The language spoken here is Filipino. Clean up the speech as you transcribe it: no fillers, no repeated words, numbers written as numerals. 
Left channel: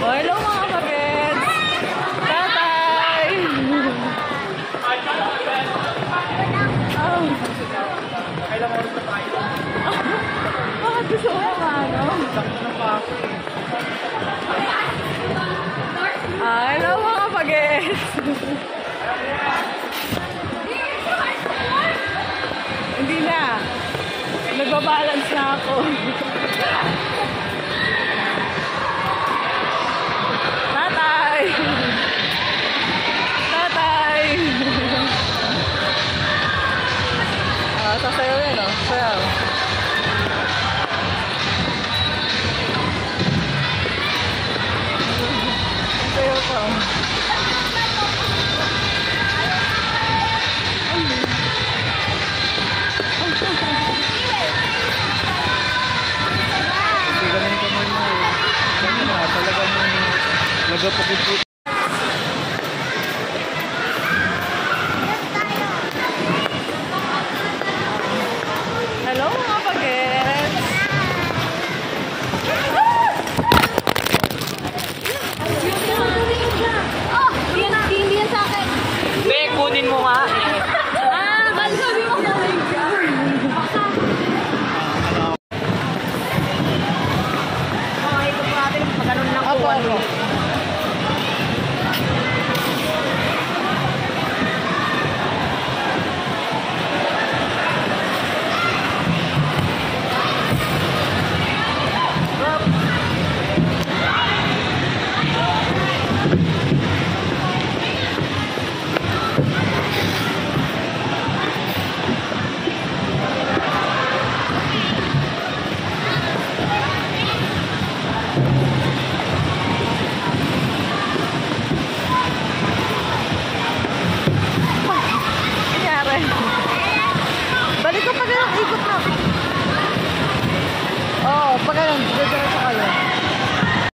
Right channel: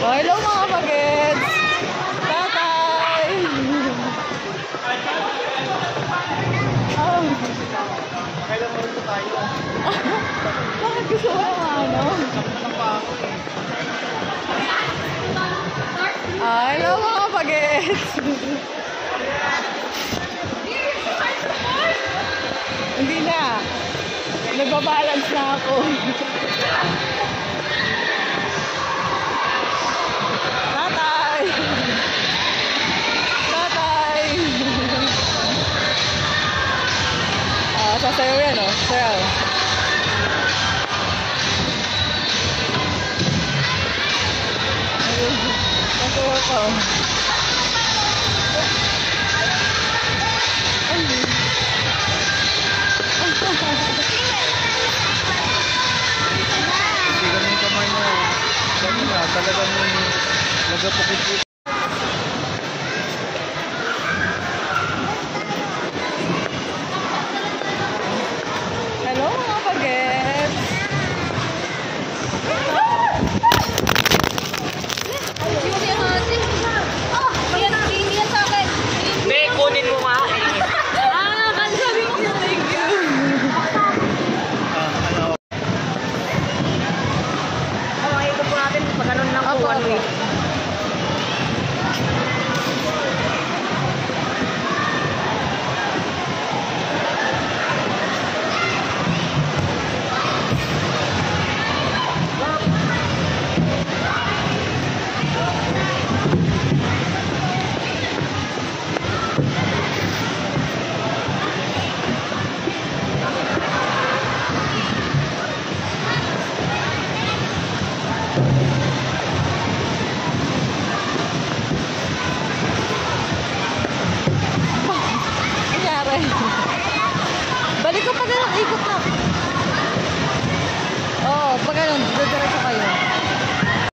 Hello mga pagets! Tatay! Kailang oras na tayo. Bakit gusto mo yung ano? Sakit ng paso eh. Hello mga pagets! Hindi na. Nagbabalance na ako. Tatay! Tatay! Sasayaw yan, oh. Sayaw. Sasayaw ka, oh. Talagang nagapukit-pukit. Hello mga pagets! Hindi yan sa akin. Be, kunin mo nga. Bakit sabi mo thank you? Ito po natin pag ganun lang po. Opo. Balik ko pa ganun, ikot na. Oo, pag ganun, diretso kayo.